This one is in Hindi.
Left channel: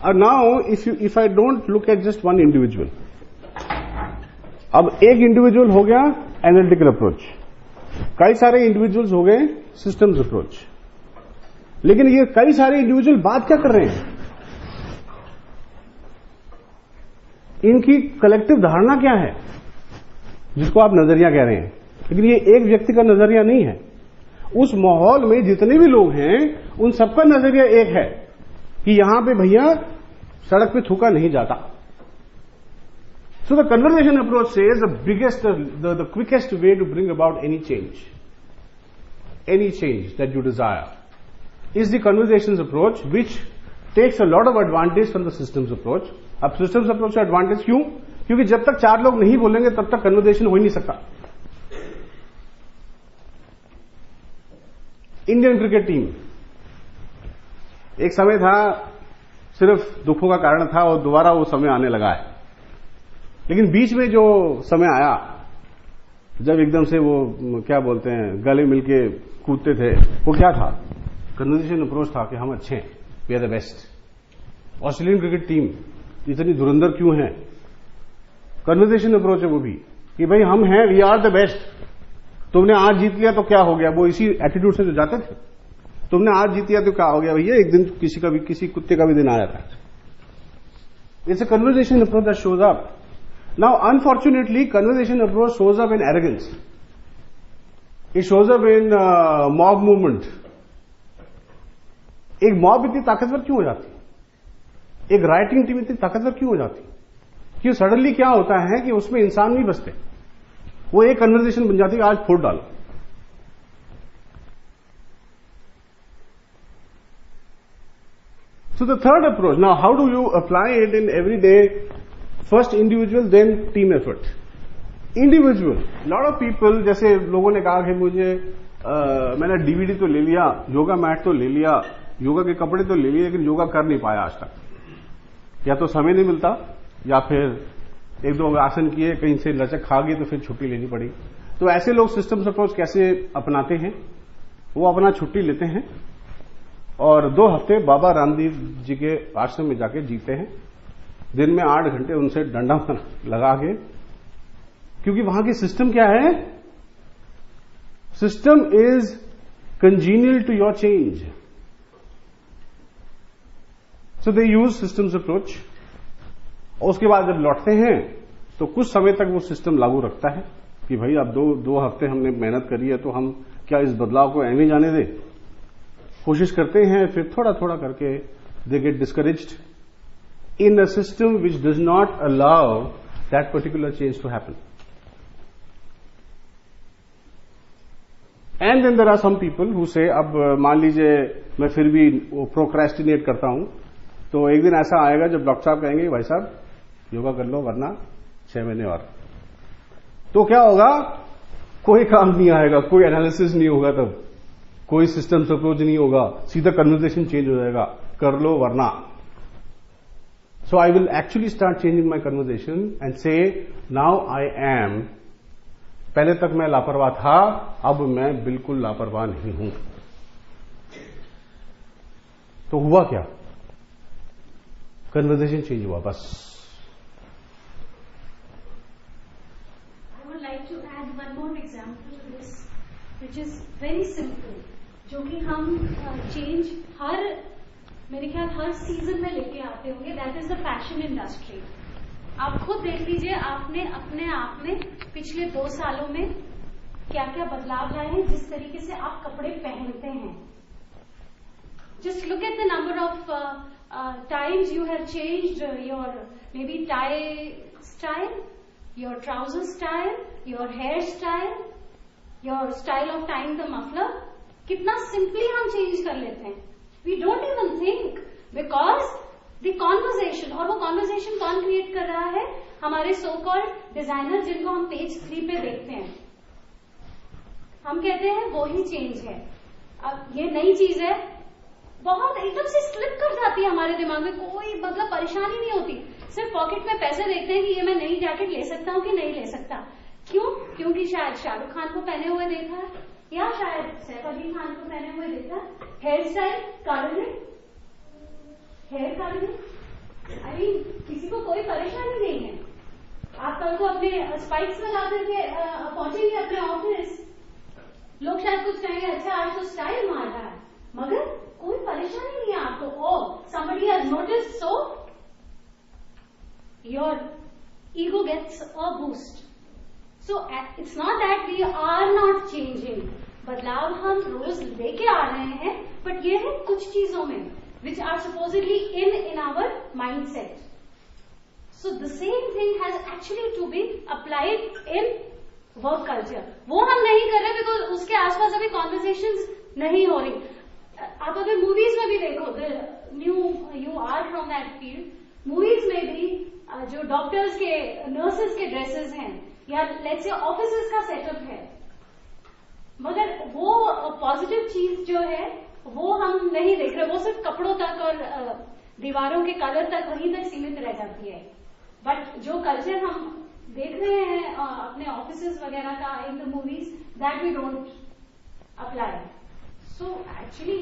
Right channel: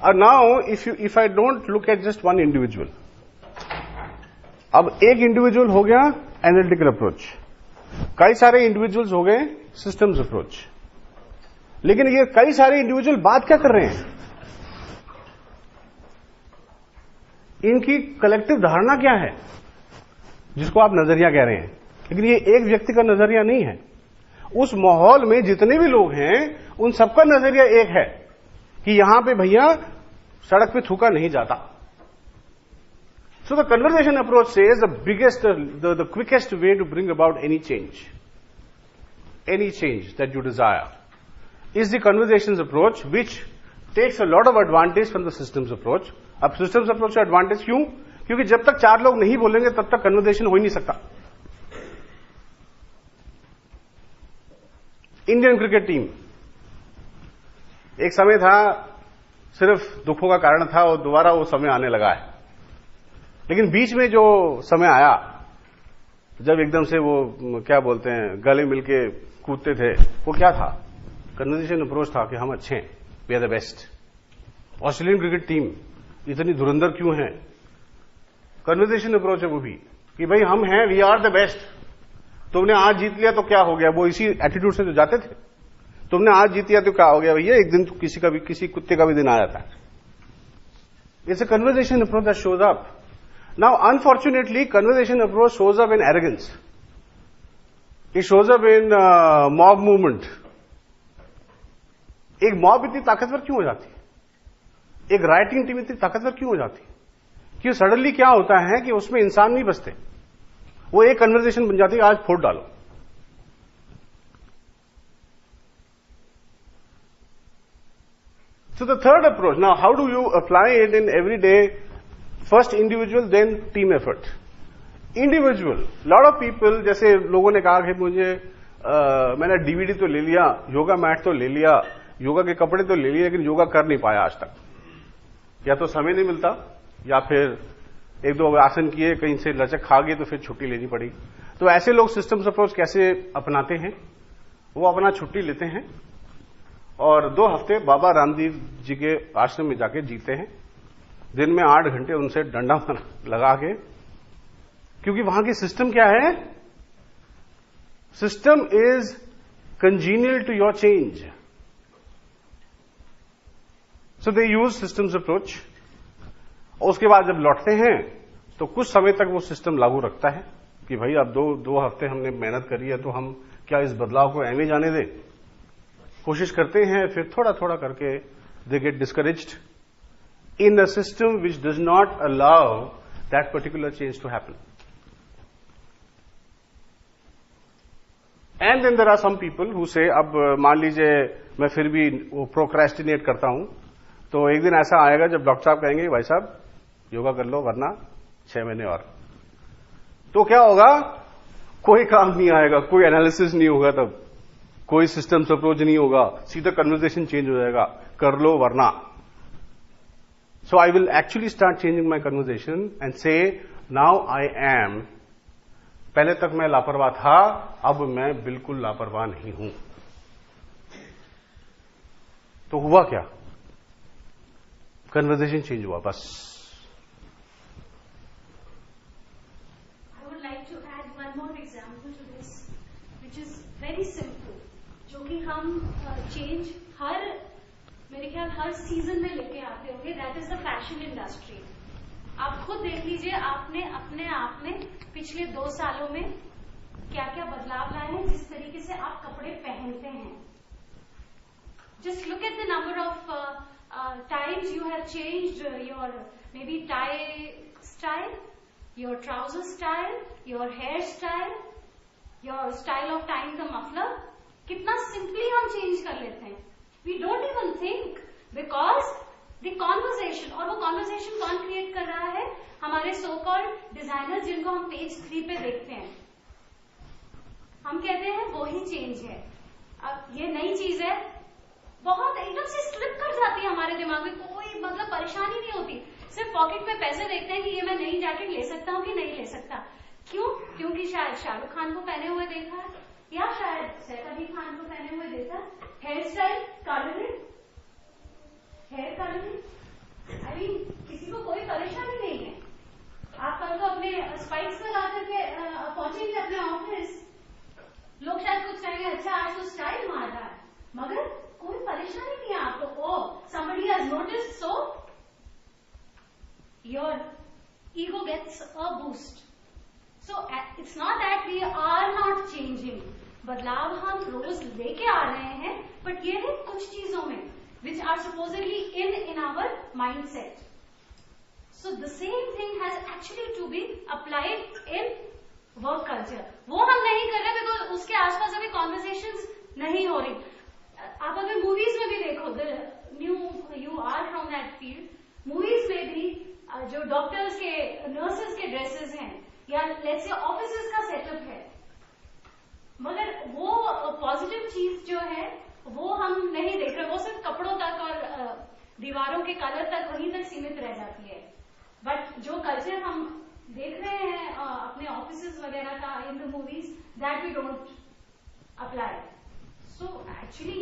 Now if I don't look at just one individual, अब एक इंडिविजुअल हो गया एनालिटिकल अप्रोच, कई सारे इंडिविजुअल्स हो गए सिस्टम्स अप्रोच, लेकिन ये कई सारे इंडिविजुअल बात क्या कर रहे हैं, इनकी कलेक्टिव धारणा क्या है, जिसको आप नजरिया कह रहे हैं, लेकिन ये एक व्यक्ति का नजरिया नहीं है। उस माहौल में जितने भी लोग हैं उन सबका नजरिया एक है कि यहां पे भैया सड़क पे थूका नहीं जाता। So the conversation approach says the quickest way to bring about any change that you desire is the conversation approach which takes a lot of advantage from the systems approach. अब सिस्टम्स अप्रोच का एडवांटेज क्यों? क्योंकि जब तक चार लोग नहीं बोलेंगे तब तक कन्वर्सेशन हो ही नहीं सकता। इंडियन क्रिकेट टीम, एक समय था सिर्फ दुखों का कारण था और दोबारा वो समय आने लगा है, लेकिन बीच में जो समय आया जब एकदम से वो क्या बोलते हैं गले मिलके कूदते थे, वो क्या था? कन्वर्सेशन अप्रोच था कि हम अच्छे हैं, we are the best. Australian cricket team इतनी धुरंधर क्यों है? कन्वर्सेशन अप्रोच है वो भी कि भाई हम हैं, वी आर द बेस्ट। तुमने आज जीत लिया तो क्या हो गया, वो इसी एटीट्यूड से जो जाते थे। तुमने आज जीत लिया तो क्या हो गया भैया, एक दिन किसी कुत्ते का भी दिन आ जाता है। It's a conversation approach that shows up. Now unfortunately conversation approach shows up in arrogance, it shows up in mob movement. एक मॉब इतनी ताकतवर क्यों हो जाती, एक राइटिंग टीम इतनी ताकतवर क्यों हो जाती? क्यों सडनली क्या होता है कि उसमें इंसान नहीं बचते, वो एक कन्वर्सेशन बन जाती है, आज फोड़ डालो। So the third approach, now how do you apply it in everyday? First individual, then team effort. Individual, lot of people, जैसे लोगों ने कहा कि मुझे मैंने डीवीडी तो ले लिया, योगा मैट तो ले लिया, योगा के कपड़े तो ले लिए, लेकिन योगा कर नहीं पाया आज तक। या तो समय नहीं मिलता, या फिर एक दो आसन किए, कहीं से लचक खा गई तो फिर छुट्टी लेनी पड़ी। तो ऐसे लोग सिस्टम्स अप्रोच कैसे अपनाते हैं? वो अपना छुट्टी लेते हैं और 2 हफ्ते बाबा रामदेव जी के आश्रम में जाके जीते हैं, दिन में 8 घंटे उनसे डंडा लगा के। क्योंकि वहां की सिस्टम क्या है? System is congenial to your change, so they use systems approach. और उसके बाद जब लौटते हैं तो कुछ समय तक वो सिस्टम लागू रखता है कि भाई अब दो हफ्ते हमने मेहनत करी है, तो हम क्या इस बदलाव को ऐਵੇਂ जाने दें? कोशिश करते हैं, फिर थोड़ा थोड़ा करके they get discouraged in a system which does not allow that particular change to happen. And then there are some people who say, अब मान लीजिए मैं फिर भी प्रोक्रेस्टिनेट करता हूं, तो एक दिन ऐसा आएगा जब डॉक्टर साहब कहेंगे भाई साहब योगा कर लो, वरना 6 महीने और। तो क्या होगा? कोई काम नहीं आएगा, कोई एनालिसिस नहीं होगा, तब कोई सिस्टम्स अप्रोच नहीं होगा, सीधा कन्वर्सेशन चेंज हो जाएगा, कर लो वरना। So I will actually start changing my conversation and से नाउ आई एम, पहले तक मैं लापरवाह था, अब मैं बिल्कुल लापरवाह नहीं हूं। तो हुआ क्या? कन्वर्सेशन चेंज हुआ, बस। I would like to add one more example to this, which is very simple, जो कि हम चेंज मेरे ख्याल हर सीजन में लेके आते होंगे। That is the fashion industry. आप खुद देख लीजिए, आपने अपने आप में पिछले 2 सालों में क्या क्या बदलाव लाए हैं, जिस तरीके से आप कपड़े पहनते हैं। Just look at the number of times you have changed your maybe tie style, your trouser style, your hair style, your style of tying the muffler. कितना सिंपली हम चेंज कर लेते हैं, we don't even think, because the conversation, और वो कॉन्वर्सेशन कौन क्रिएट कर रहा है? हमारे सो कॉल्ड डिजाइनर, जिनको हम पेज 3 पे देखते हैं। हम कहते हैं वो ही चेंज है। अब ये नई चीज है, बहुत एकदम से स्लिप कर जाती है हमारे दिमाग में, कोई मतलब परेशानी नहीं होती, सिर्फ पॉकेट में पैसे देखते हैं कि ये मैं नई जैकेट ले सकता हूँ कि नहीं ले सकता। क्यों? क्योंकि शायद शाहरुख खान को पहने हुए देखा है, या शायद सैफ अली खान को पहने हुए देखा। Hair style, hair colouring, I mean किसी को कोई परेशानी नहीं है। आप कल को अपने स्पाइक्स लगा करके पहुंचेंगे अपने ऑफिस, लोग शायद कुछ कहेंगे अच्छा आज तो स्टाइल मार रहा है, मगर कोई परेशानी नहीं है आपको। ओ somebody has noticed, so your ego gets a boost. So it's not that we are not changing, बदलाव हम रोज लेके आ रहे हैं, बट ये है कुछ चीजों में which are supposedly in our mindset. So the same thing has actually to be applied in work culture. वो हम नहीं कर रहे बिकॉज उसके आसपास अभी कॉन्वर्सेशंस नहीं हो रही। आप अगर मूवीज में भी देखो, you are from that field, movies में भी जो डॉक्टर्स के नर्सेस के ड्रेसेस हैं या लेट्स से ऑफिसेस का सेटअप है, मगर वो पॉजिटिव चीज जो है वो हम नहीं देख रहे। वो सिर्फ कपड़ों तक और दीवारों के कलर तक वहीं तक सीमित रह जाती है। बट जो कल्चर हम देख रहे हैं अपने ऑफिसेस वगैरह का in the movies, that we don't apply. So actually